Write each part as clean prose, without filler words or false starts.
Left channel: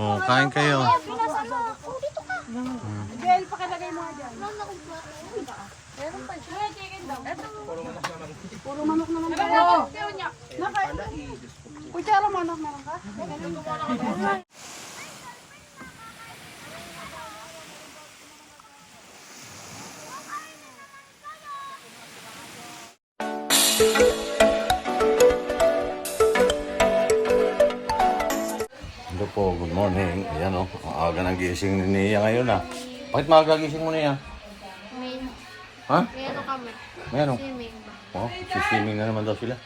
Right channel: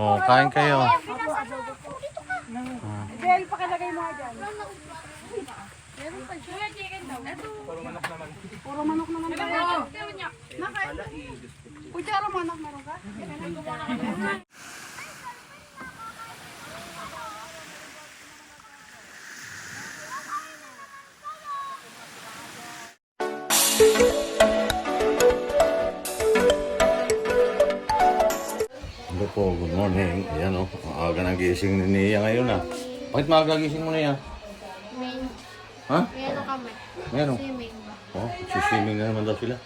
Oh, kain kayo. Del, pakilagay mo dyan. Puro manok naman tayo. Kutsara manok meron ka? Hello po, good morning. Ayan o, ang aga ng gising ni Nia ngayon ah. Bakit maaga gising mo Nia? Ha? May ano kami? Meron. Swimming ba? Oh, siswimming na naman daw sila.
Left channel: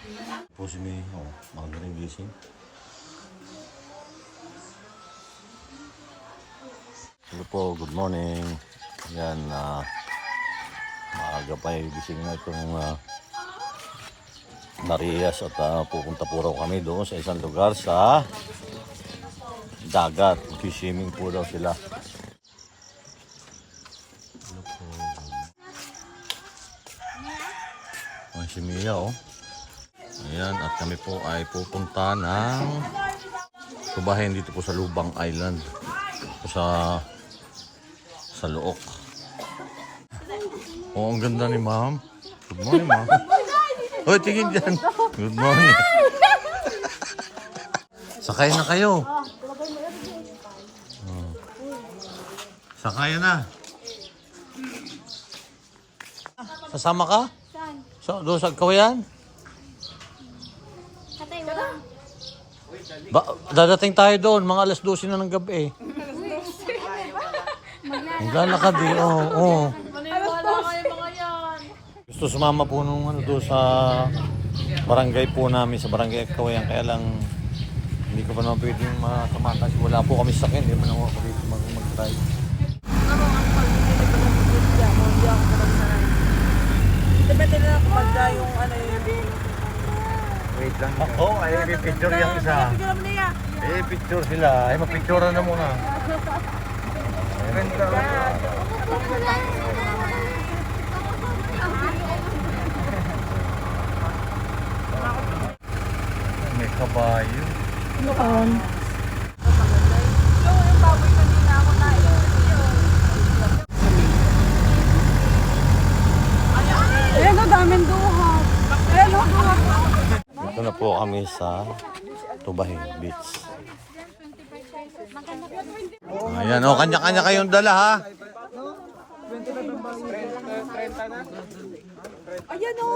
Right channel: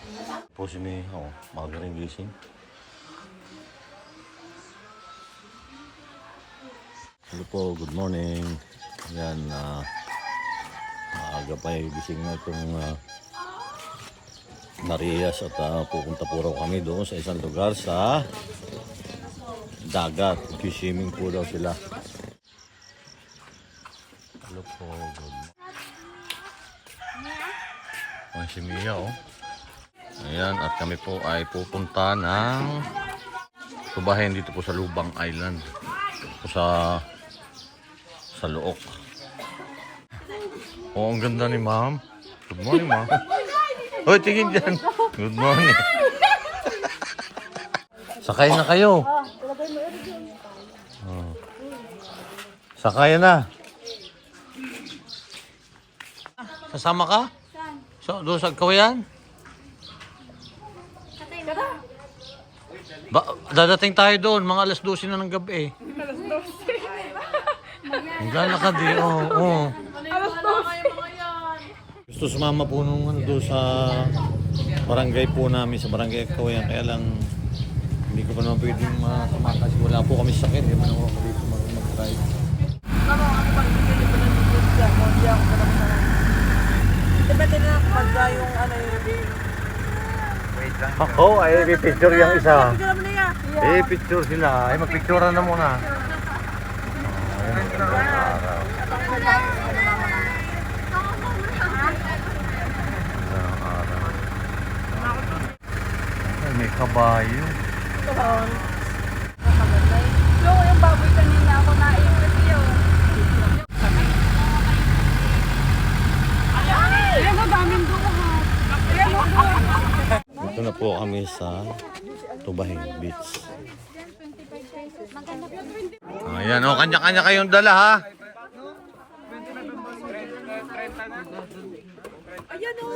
Po si Nia, oh, maaga rin gising. Hello po, good morning. Ayan, maaga pa yung gising na itong Marias at pupunta po raw kami doon sa isang lugar sa dagat. Swimming po daw sila. Hello po. Ayan si Mia oh. Ayan at kami po ay pupunta ng tubahin dito po sa Lubang Island. Po sa Look. Oh, ang ganda ni ma'am. Good morning ma'am. Hoy, tingin dyan. Good morning. Sakay na kayo. Oh. Sakay na. Sasama ka? Saan? Doon sa Kawayan? Dadating tayo doon, mga alas 12 na ng gabi. Maglalakad eh, oo. Gusto sumama po nung doon sa barangay po namin, sa barangay Kawayan. Kaya lang, hindi ko pa naman pwedeng masama kasi wala po kami sakyan. Hindi man ako dito mag-drive. Depende na ako pagka yung ano yung... Wait lang. Ako, ay picture yung isa. Picture mo niya. Picture sila. Ay, magpicture na muna. Ayan, araw. May kabayo. So, yung baboy kanina ako na yun. Ayan o, daming duha. Ayan o, duha. Ito na po kami sa Tubahin Beach. Ayan o, kanya-kanya kayong dala ha. Ayan o.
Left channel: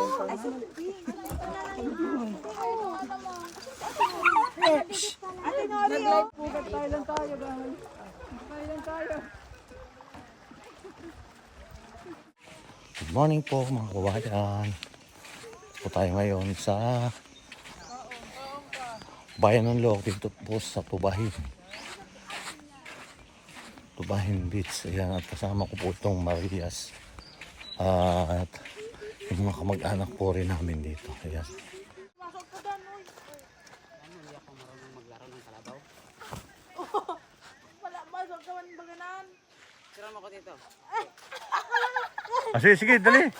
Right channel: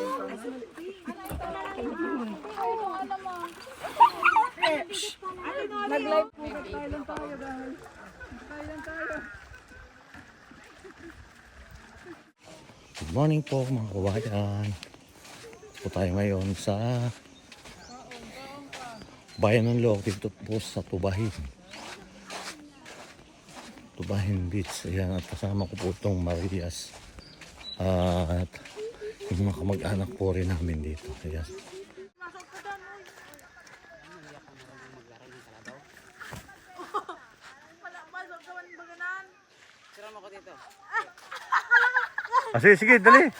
Nag-live po ka, Thailand tayo dahil. Thailand tayo. Good morning po mga kabayan. Po tayo ngayon sa Bayan ng Look dito po sa Tubahin. Tubahin Beach. Ayan at kasama ko po itong Marias. At yung mga kamag-anak po rin namin dito. Ayan. Sige, dali.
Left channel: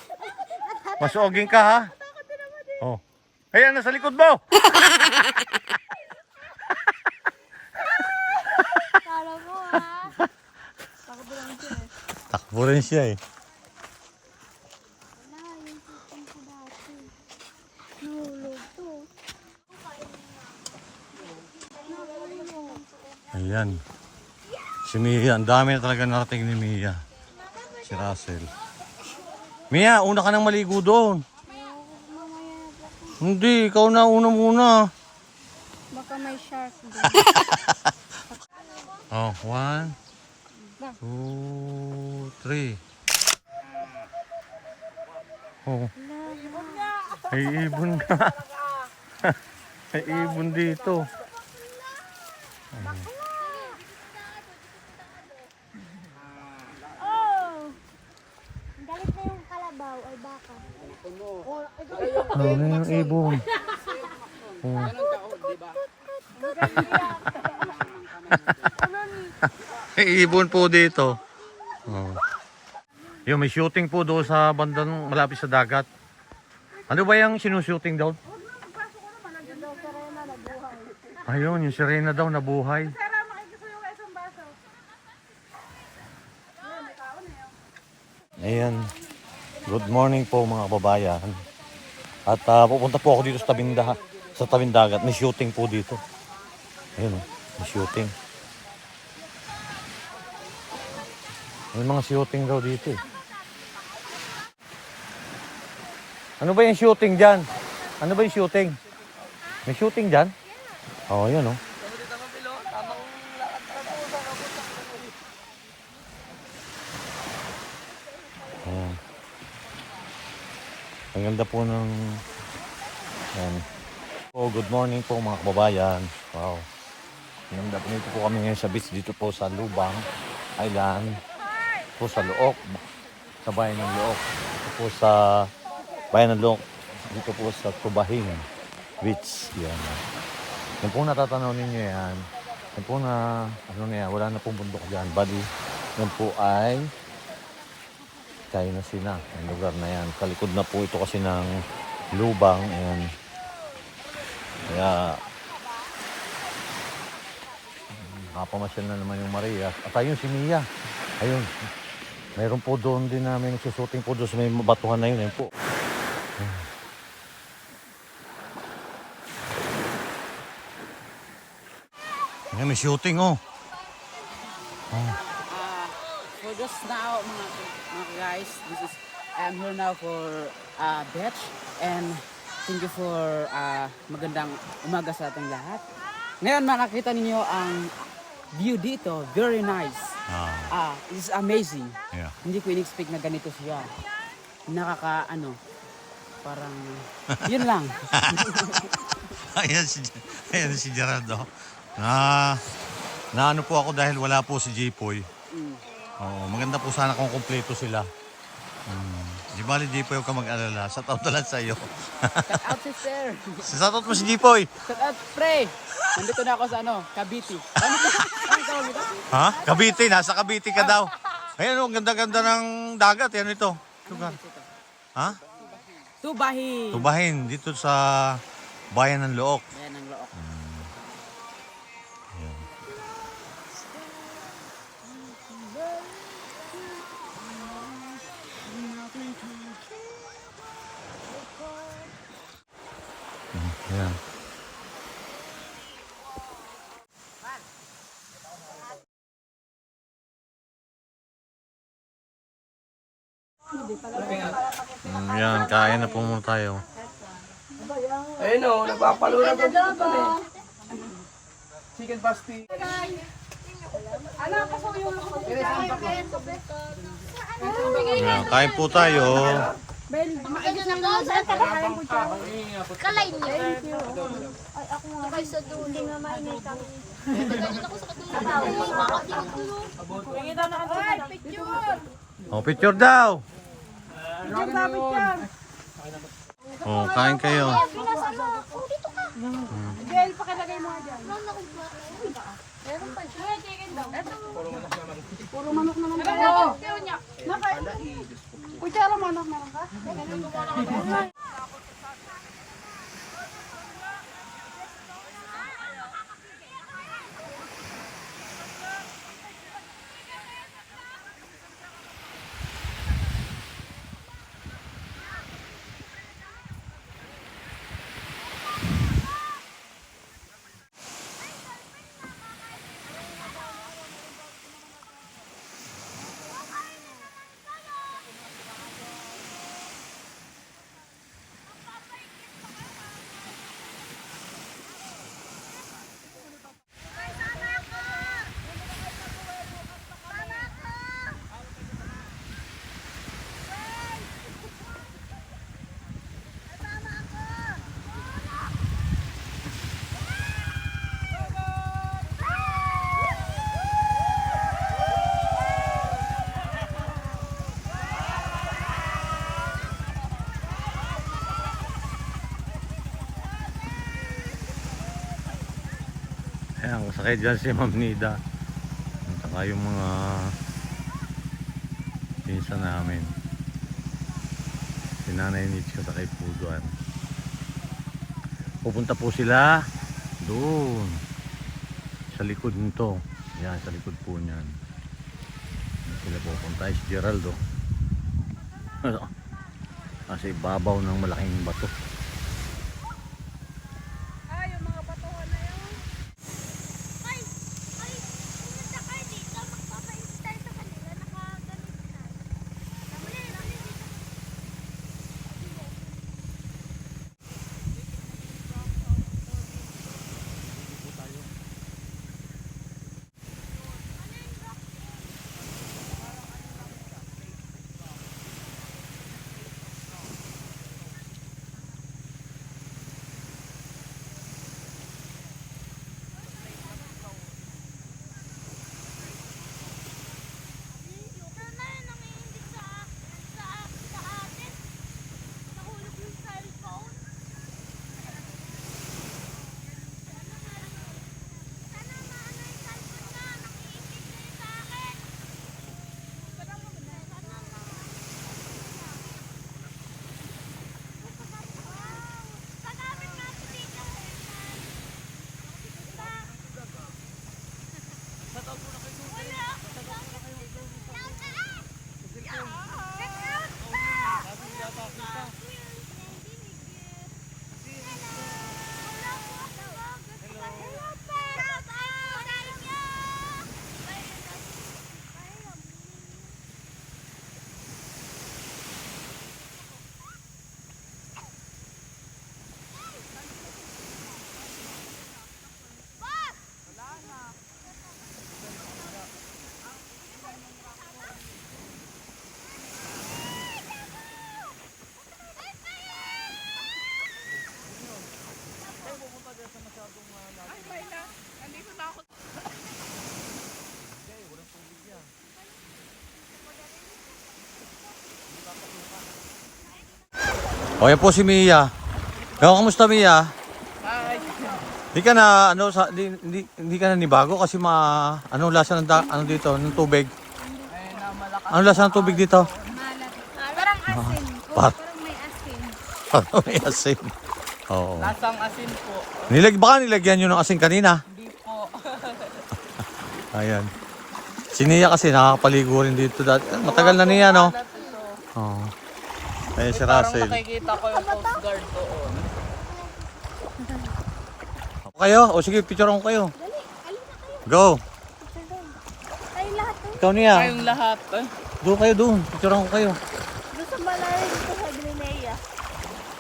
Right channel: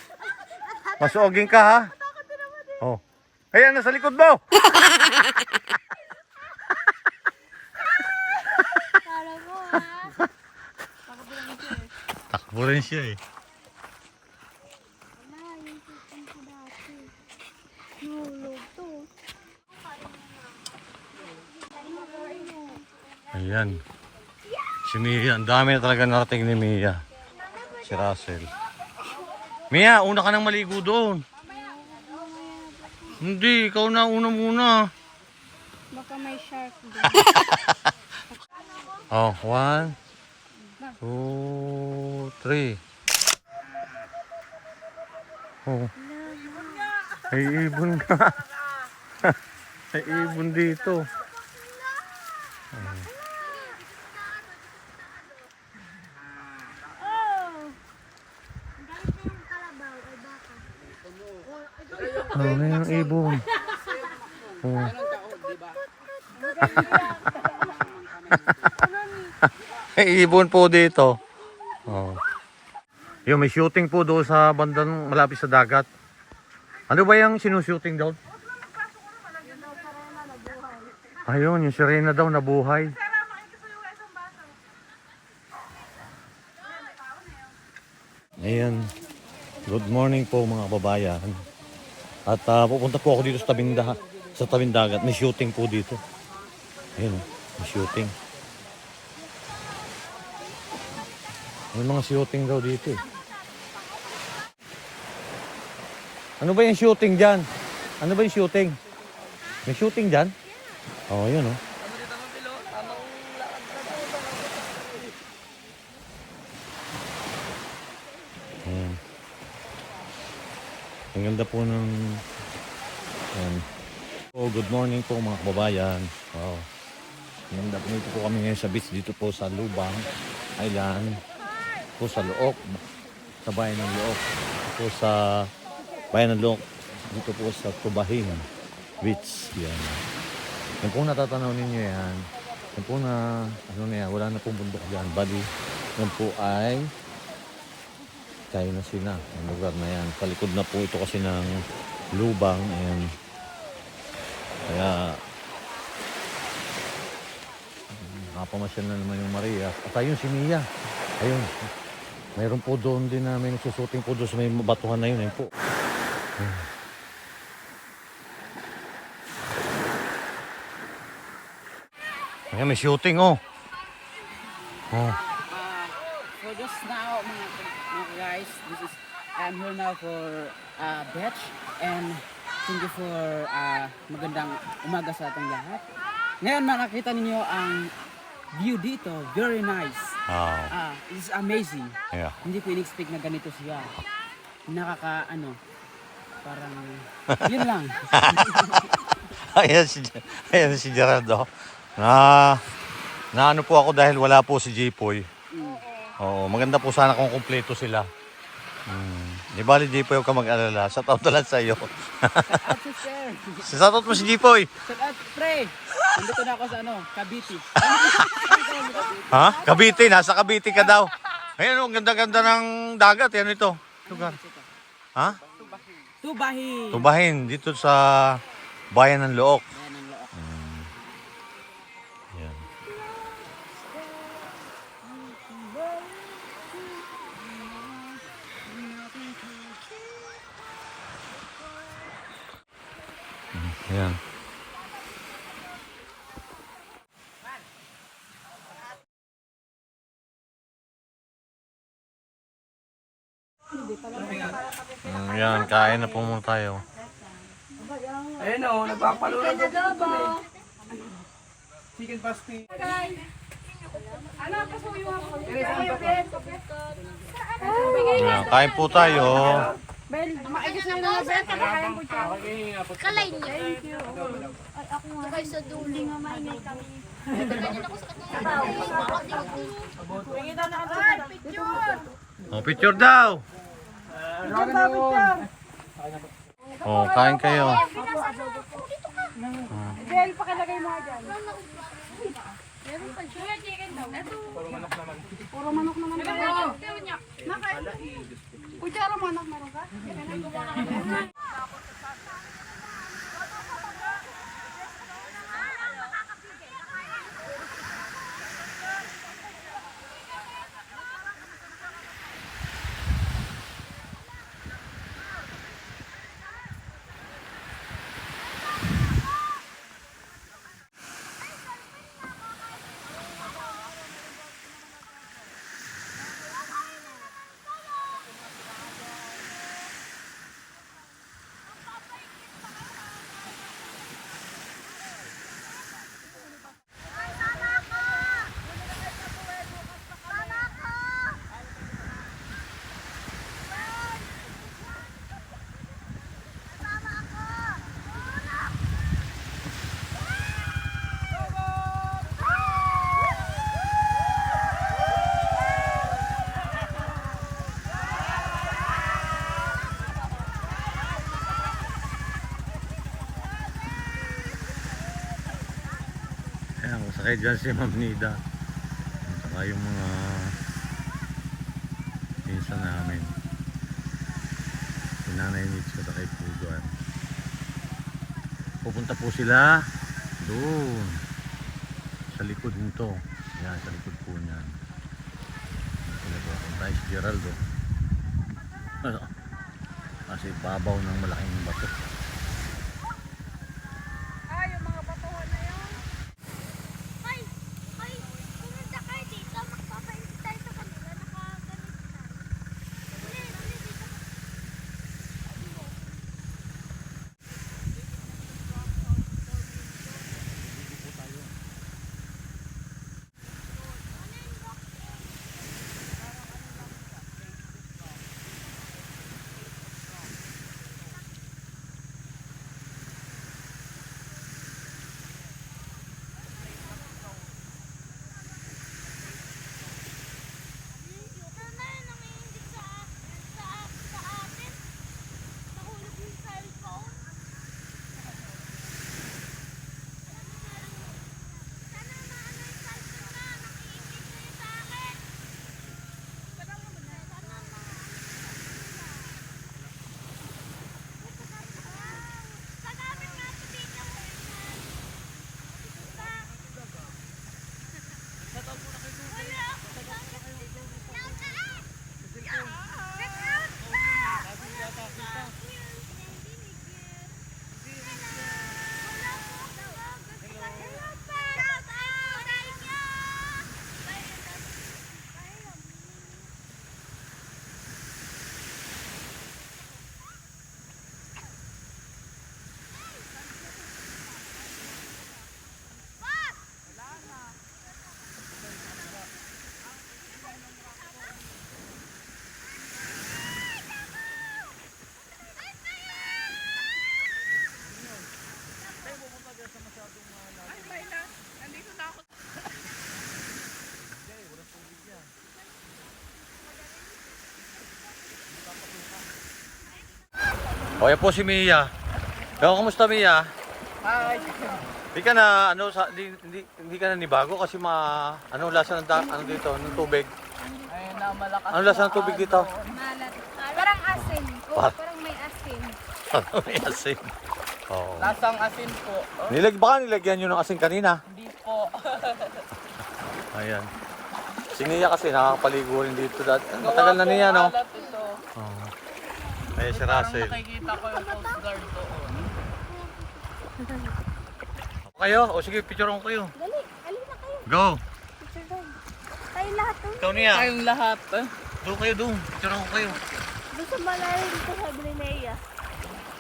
Masuging ka ha. Oh. Ayan, nasa likod mo. Kala mo ha? Takbo rin siya eh. Wala, yung tutong ko dati. Nulog to. Ayan. Si Mia, ang dami na talaga narating ni Mia. Si Russell. Mia, una ka nang maligo doon. Hindi, ikaw na una muna. Baka may shark doon. Oh, 1, 2, 3. Oh. Ay ibon ka. Ay ibon dito. Galit na yung kalabaw ay baka. Ano na yung ibon? Oh. Ay ibon po dito. Oh. Yung may shooting po doon sa bandang malapit sa dagat. Ano ba yung sinushooting doon? Ayun, yung sirena daw nabuhay. Ayan. Good morning po mga kababayan. At pupunta po ako dito sa tabing dagat. May shooting po dito. Ayun, may shooting. May mga shooting daw dito eh. Ano ba yung shooting dyan? Ano ba yung shooting? May shooting dyan? Oo, yan oh. Ayan. Ang ganda po ng... Ayan. Oh, good morning po mga kababayan. Wow. Ang ganda po nito po kami ngayon sa beach dito po sa Lubang Island. Po sa Look. Sa bayan ng Look. Po sa bayan ng Look. Dito po sa Tubahin Beach. Yan. Yan po natatanaw ninyo yan. Yan po na, ano na yan, wala na pong bundok dyan. Bali, yan po ay China Sea na. Ang lugar na yan. Kalikod na po ito kasi ng Lubang. Ayan. Kaya, nakapamasyan na naman yung Maria. At ayun, si Mia. Ayun. Mayroon po doon din na may nagsusuting po doon sa may batuhan na yun. Ayan po. Ayan, may shooting oh. Oh. For just now, mga guys, I'm here now for beach and thank you for magandang umaga sa ating lahat. Ngayon makakita ninyo ang view dito, very nice. It's amazing. Yeah. Hindi ko in-expect na ganito siya. Parang yun lang. Ayan si Gerardo. Na ano po ako dahil wala po si Jipoy. Oo, maganda po sana kung kumpleto sila. Di bali Jipoy, huwag ka mag-alala. Shout out na lang sa iyo. Shout out sister. Shout out mo si Jipoy. Shout out pre. Nandito na ako sa Cavite. Ha? Cavite, nasa Cavite ka daw. Ayan oh, ganda-ganda ng dagat. Yan ito. Lugar. Ha? Tubahin. Tubahin, dito sa bayan ng Look. Ayan ang Look. Ayan. Ayan. Ayan, kain na po muna tayo. Ayun o, napapalura ko dito chicken pasty. Ayan, kain po tayo. Bel, maayos na naman, Bel. Kakain po siya. Kakain niyo. Thank you. Ay, ako nga. Kay sa dulo nga mainit kami. Oh, picture daw. Oh, kain kayo. Bel, pakilagay mo nga dyan. Puro manok naman tayo. Kutsara mo anak, meron ka? Ayan, sakay dyan si Ma'am Nida. At saka yung mga pinsan namin. Si Nanay Nitsi at kay Puduan. Pupunta po sila doon sa likod nito. Yan, sa likod po niyan. Sila pupunta. Si Geraldo. Nasa ibabaw ng malaking bato. Ay, pumunta kayo dito. Magpapainit tayo sa kanila. Nakaganit tayo. Uli dito. O yan po si Mia. Ikaw, kamusta Mia? Hi! Hindi ka na ano sa hindi ka na nibago kasi ano lasa ng ano dito, ng tubig. Ayun na, malakas. Ano lasa ng tubig dito? Malat. Parang asin. Oh, parang may asin. Ano may asin? Oo. Lasang asin po. Baka nilagyan nyo ng asin kanina. Hindi po. Ayan. Si Nia kasi nakakapaligo rin dito dati. Matagal na niya, no? Malat ito. Oo. Ayan si Parang Russell. nakikita ko yung Coast Guard doon. Kayo? O sige, picturean ko kayo. Dali, alin na kayo. Go! Picture doon. Tayo lahat doon. Ikaw Nia. Kayong lahat. Doon kayo doon. Picturean ko kayo. Doon sa malalim ito sa Grenea.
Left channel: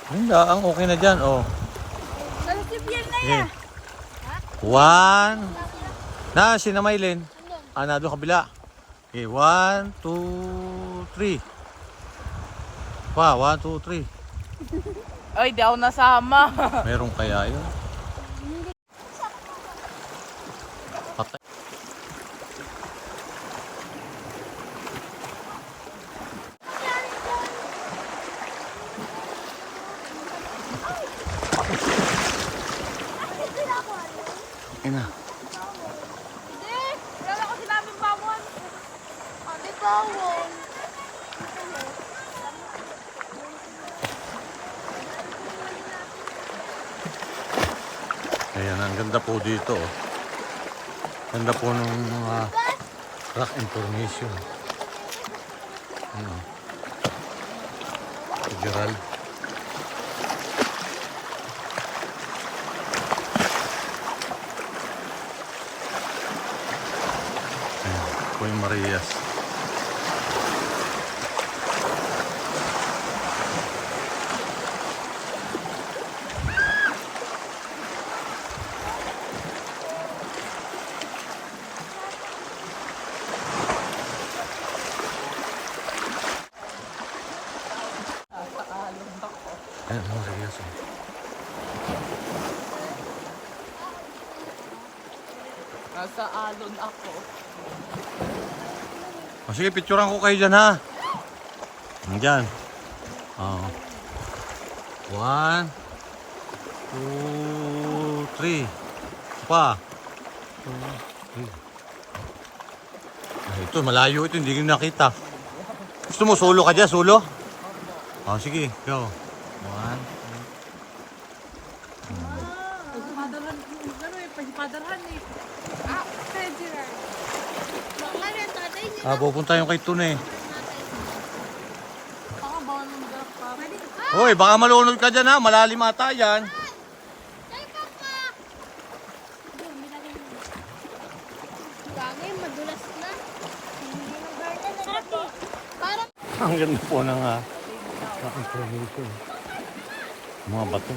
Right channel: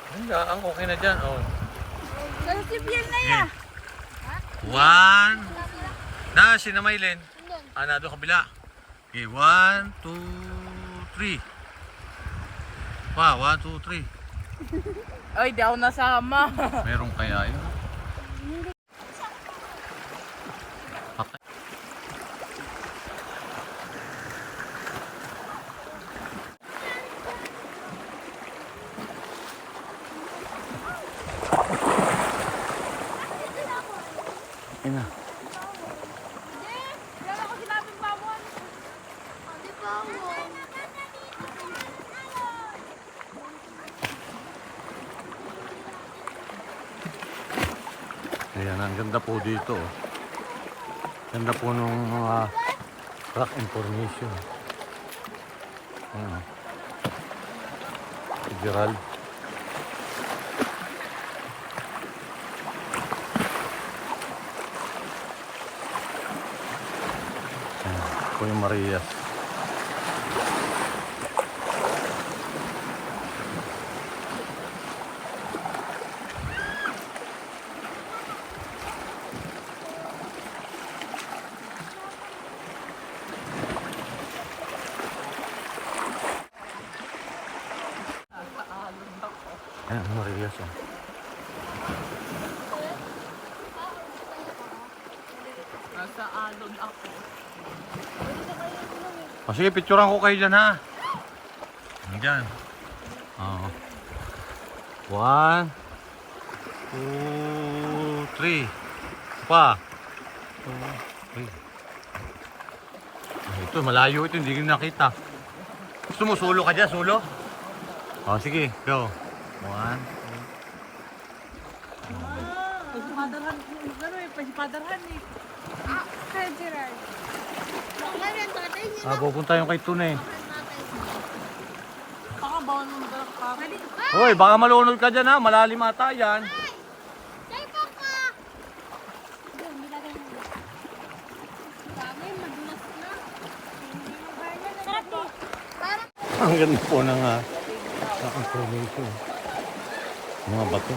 Hindi, okay na dyan. Oh. Nalukip yan na Okay. ya. One. Na, si na Maylin. Na doon kabila. Okay, 1, 2, 3. Pa, 1, 2, 3. Ay, di ako nasama. Meron kaya yun? Patay. Ina. Ayan, ang ganda po dito. Oh. Ganda po nung mga rock information. Si Gerald. Ayan, po yung Marias. Ayan, Marias. Oh. Nasa alon ako. O sige, picturean ko kayo dyan ha. Dyan. Oo. 1, 2, 3. Pa. 2, 3. Ay, ito, malayo ito. Hindi ko nakita. Gusto mo, solo ka dyan? Solo? O, sige. Go. 1, 2. Pasipadarhan eh. Kaya Gerard. Baka yan tatay niya. Pupunta yung kay Tune. Baka Hoy, baka malunod ka dyan ha. Malalim ata yan. Bagay, madulas na. Sarap eh. Parang Ang ganda po ng aking probinsya. Mga bato.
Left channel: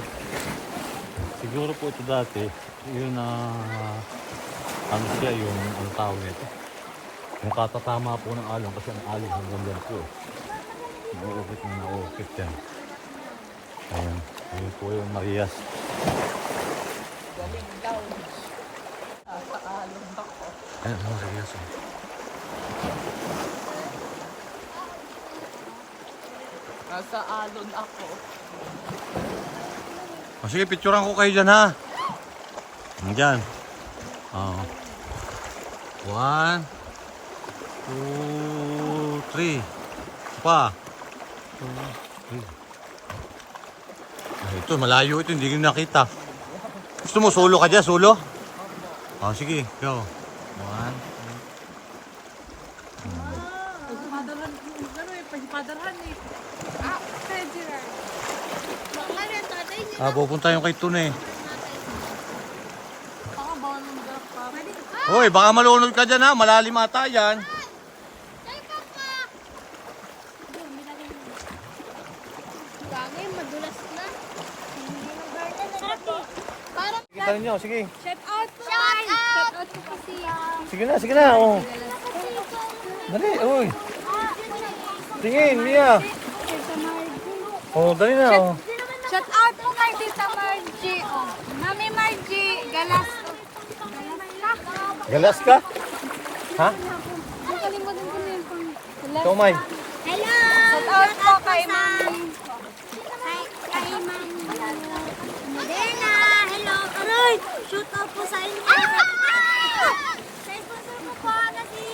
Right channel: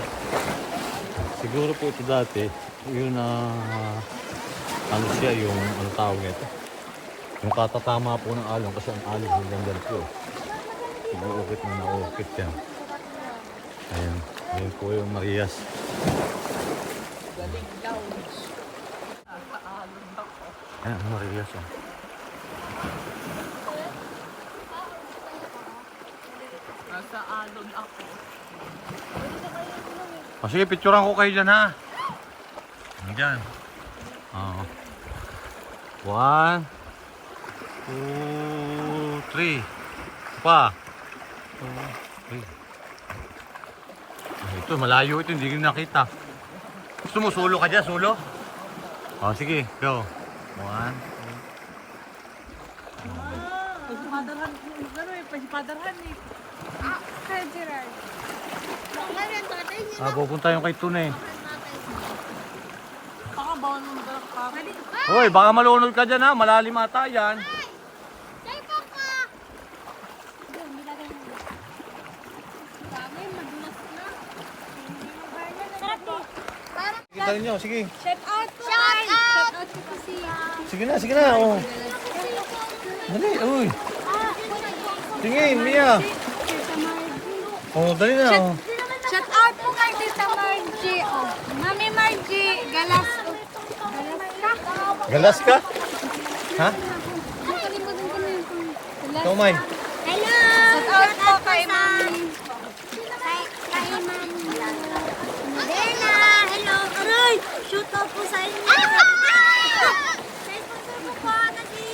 Siguro po ito dati, yun ano siya, yung ano tawag nito. Yung katatama po ng alon kasi ang alon hanggang dyan po eh. Nauukit na nauukit yan. Ayan, ayun po yung Marias. Ayan, Marias oh. Nasa alon ako. Sige, picturean ko kayo dyan ha. Dyan. Oh. 1, 2, 3. Pa. 2, 3. Ay, ito, malayo ito. Hindi ko nakita. Gusto mo, solo ka dyan? Solo? Oh, sige. Go. 1, pasipadarhan eh. Kaya Gerard. Baka yan, tatay niya. pupunta yung kay Tune. Baka bawal mo mag-pwede. Hoy, baka malunod ka dyan ha. Malalim ata yan. Bagay, madulas na. Sarap eh. Parang Kita niyo, sige. shout out po. Shout out po kasi. Sige na. Oh. Dali, uy. Sige, Mia. Oh, dali na. Oh. Shout out po kay Tita Margie. Oh. Mami Margie, galas. Galas ka? Galas ka? Ha? Nakalimutan ko na yung galas. Ikaw, May. Hello! Shout out po kay Mami. Kay Mami. Moderna! Hello! Aroy! Shout out po sa inyo. Sa sponsor ko po na si...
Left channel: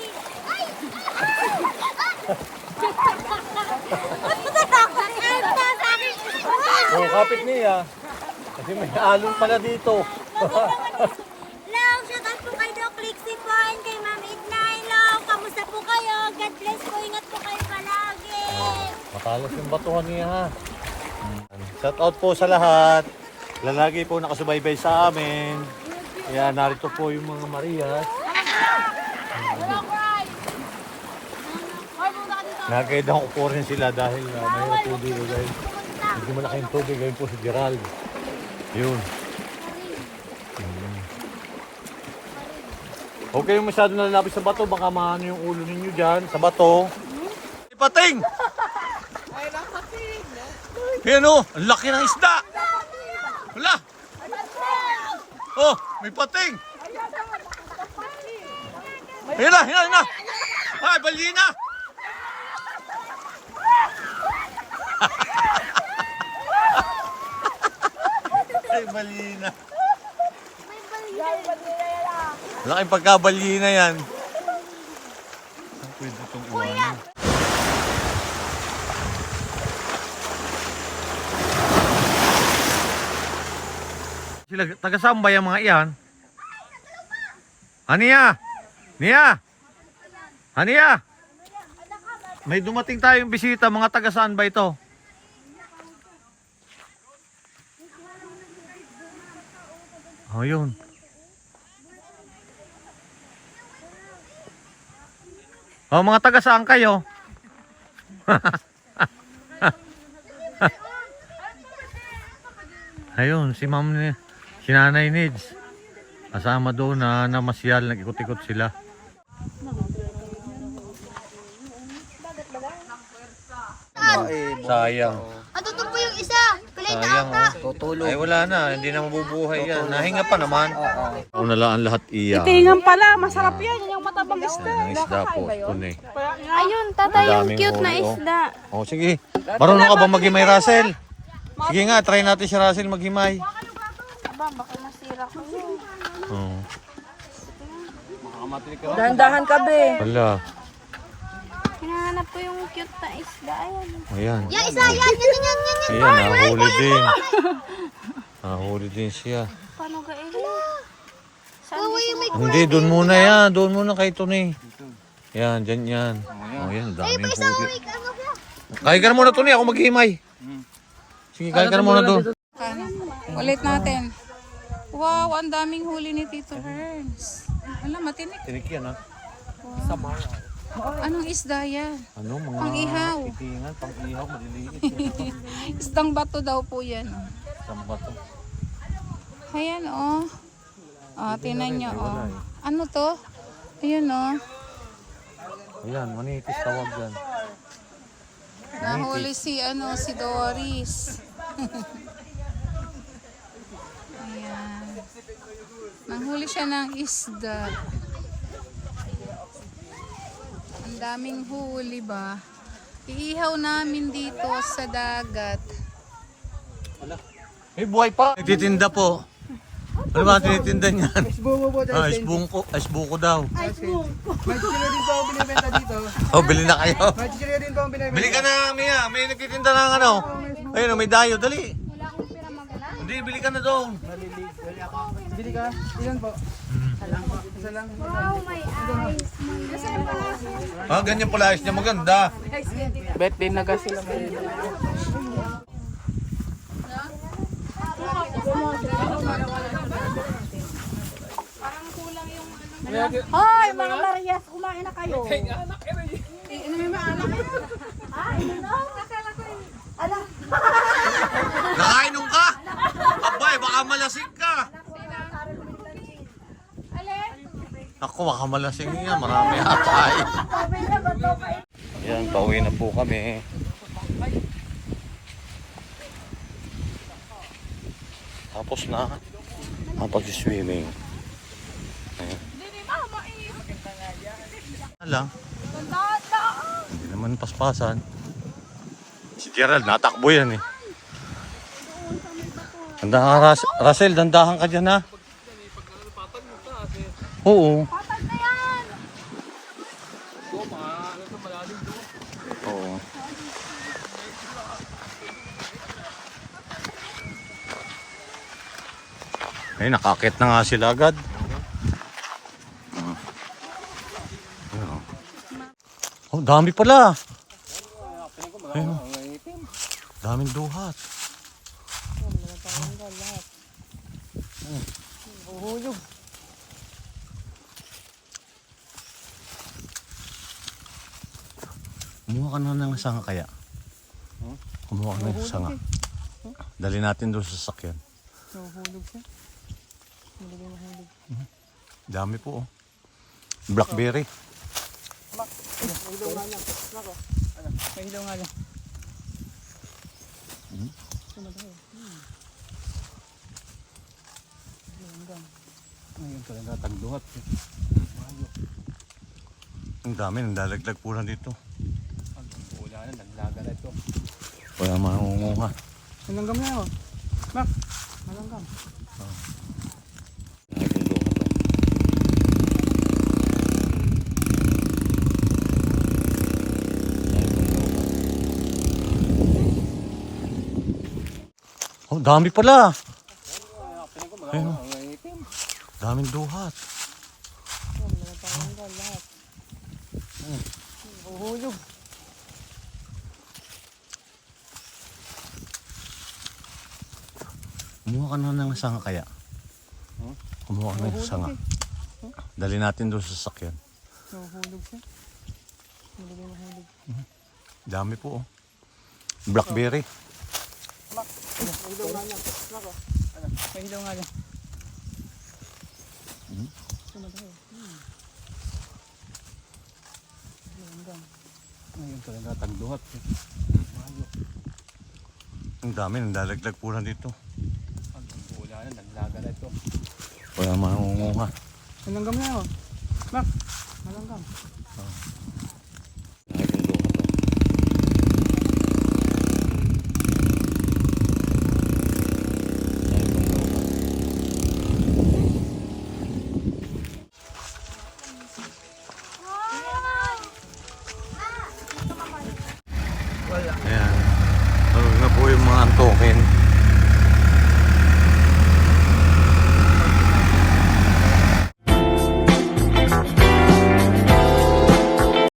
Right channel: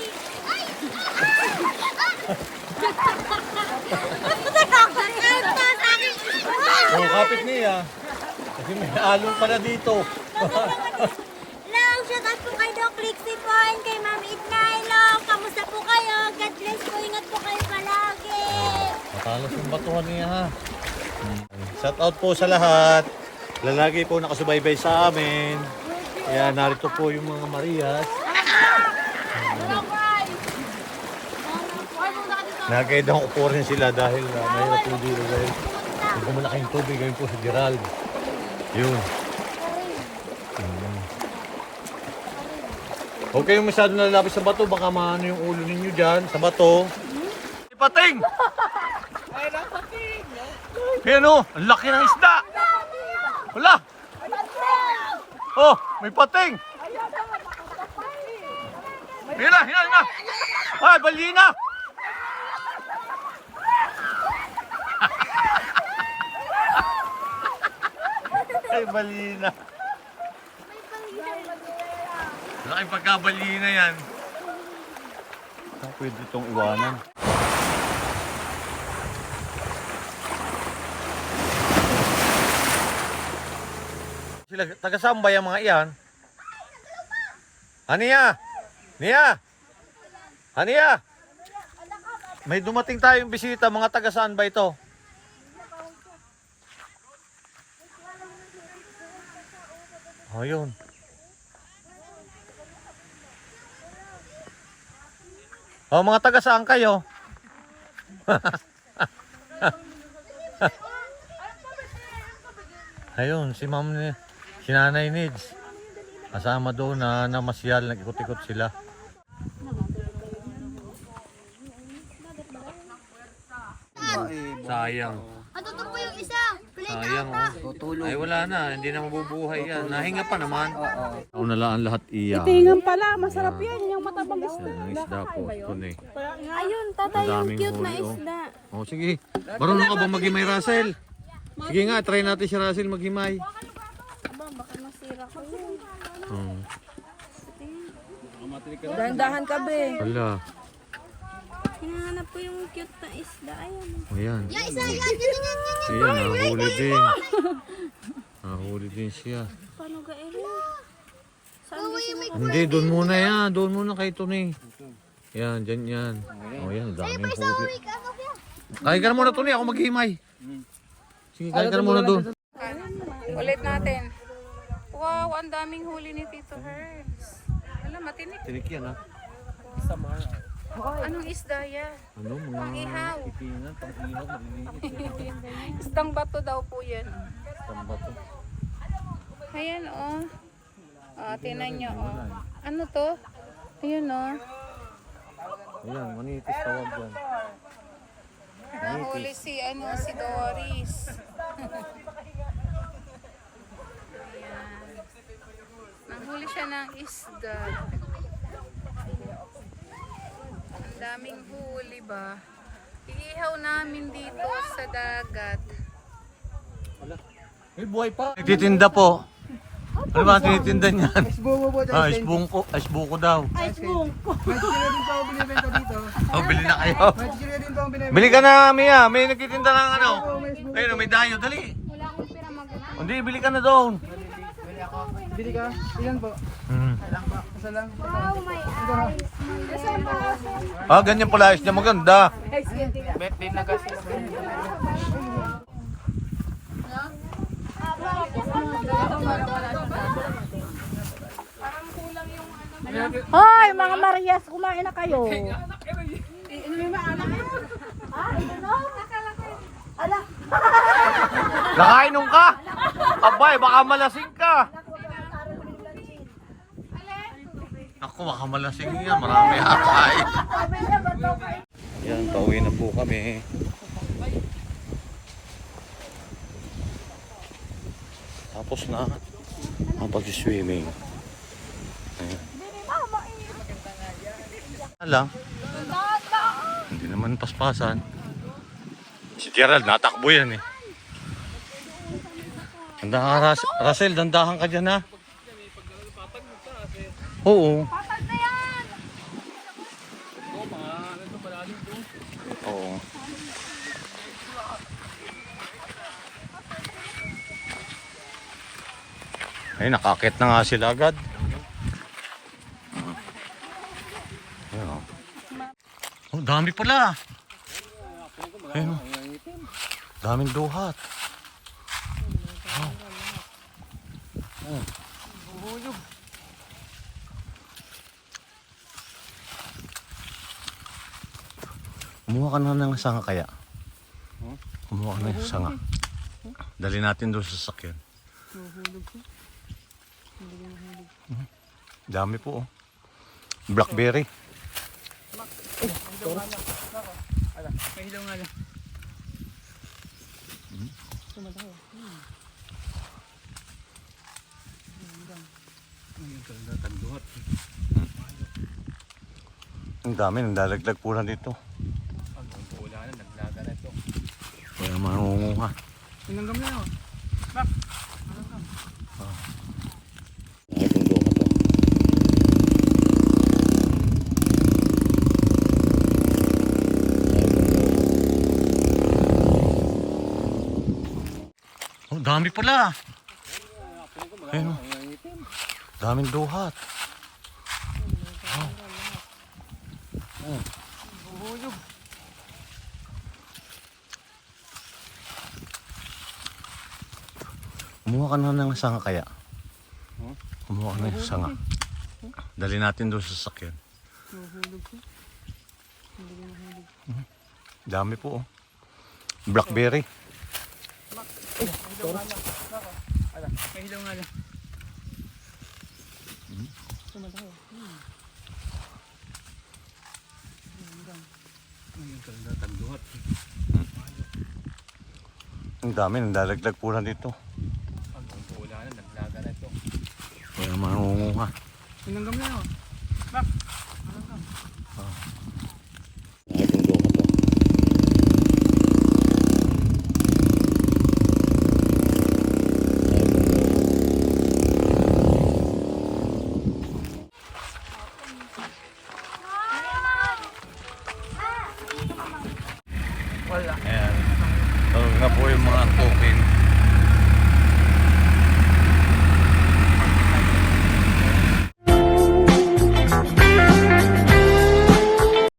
Oh, kapit niya. Kasi may alon pala dito. Hello! Shout out po kay Doc Lixie po and kay Ma'am Edna. Hello! Kamusta po kayo? God bless po. Ingat po kayo palagi. Matalas yung batuhan niya ha. Shout out po sa lahat. Lalagi po nakasubaybay sa amin. Kaya narito po yung mga Marias. Hello, guys! Ay, muna ka dito. Nagkaidang ko po rin sila dahil mahirap po dito dahil medyo malaking tubig ngayon po si Gerald. Yun. Huwag kayong masyado nalalapit sa bato, baka maano yung ulo ninyo dyan sa bato. May pating! Ayan o, ang laki ng isda! Wala! Oh, may pating! Ayan na! Ay, balina! Ay, balina. Laking pagkabalina yan. Saan pwede itong iwanan? Sila, taga-sambay ang mga iyan. Ania! Nia! Ania! May dumating tayong bisita, mga taga-saan ba ito? Oh, yun. Oh, mga taga saan kayo? Ayun, si Ma'am ni si Nanay Nids. Kasama doon na namasyal, nag-ikot-ikot sila. Sayang. Ando to po yung isa. Kulay na Sayang ata. oh. Ay wala na, hindi na mabubuhay yan. Nahinga pa naman. Oo, nalaan lahat iya. Tingan pala, masarap yan. Yung matabang isda. Ang isda po, tunay. Ayun, Ang tatay, yung daming cute na huli oh. isda. Oh, sige. Marunong ka ba maghimay, Russell? Sige nga, try natin si Russell maghimay. Aba, baka masira ko. Oh. Dahan-dahan ka, be. Wala. Hinahanap ko yung cute na isda. Ayun. Ayan. Yung isa, yan. Ayan, nahuli din. Nahuli din siya. Paano ga Saan Hindi, doon muna yan. Doon muna kay Tony. Yan, dyan yan. Oh, yan, daming huli. Kaya ka na muna, Tony. Ako maghimay. Sige, kaya ka na muna doon. Ano? Ulit natin. Wow, ang daming huli ni Tito Herns. Alam, matinik. Tinik yan ha. Anong isda yan? Ano, mga Pang-ihaw. titingan, pang-ihaw, maliliit. Isdang bato daw po yan. Saan ba ito? Ayan, oh. Ah, tinan niyo, oh. Ano to? Ayan, oh. Ayan, manitis tawag yan. Nahuli si, si Doris. Ayan. Nahuli siya ng isda. Ang daming huli ba? Iihaw namin dito sa dagat. May buhay pa! Nagtitinda po. Ano ba ang tinitinda niyan? Isbungo po. Isbuko daw. May chichirya din po ako binibenta dito. Oh, bili na kayo. May chichirya din po ako binibenta. Bili ka na, Mia. May nagtitinda ng ano. Ayun, may dayo. Dali. Hindi, bili ka na doon. Bili ka? Ilan po? Isa lang. Wow, my eyes. Ah, ganyan pala. Ayos niya maganda. Bet din na kasi. Hoy, mga Marias, kumain na kayo. Nakainom ka? Abay, baka malasing ka. Ako, baka malasing yan. Marami atay. Yan, pauwi na po kami. Tapos na ang pag-swimming. Ayan. Lang. Hindi naman paspasan. Si Gerald, natakbo yan eh. Russell, dandahan ka dyan ha. Oo. Oo. Ay, nakakit na nga sila agad. Ayun o. Oh, dami pala. Ayun o. Daming duhat. Kumuha ka na ng sanga kaya? Kumuha ka na ng sanga. Dali natin doon sa sasakyan. Dami po oh. Blackberry. Pahilaw nga lang. Ang dami, nandalaglag po lang dito. Kaya mangunguha. Nanggam mo. Oh, dami pala. Ayun. Daming duhat. Kumuha ka na ng sanga kaya? Kumuha ka ng sanga. Dali natin doon sa sasakyan. Dami po oh. Blackberry. Pahilaw nga lang. Ang dami, nandalaglag po lang dito. Kaya mangunguha. Nanggam mo. Ayan. Tawag na po yung mga antukin.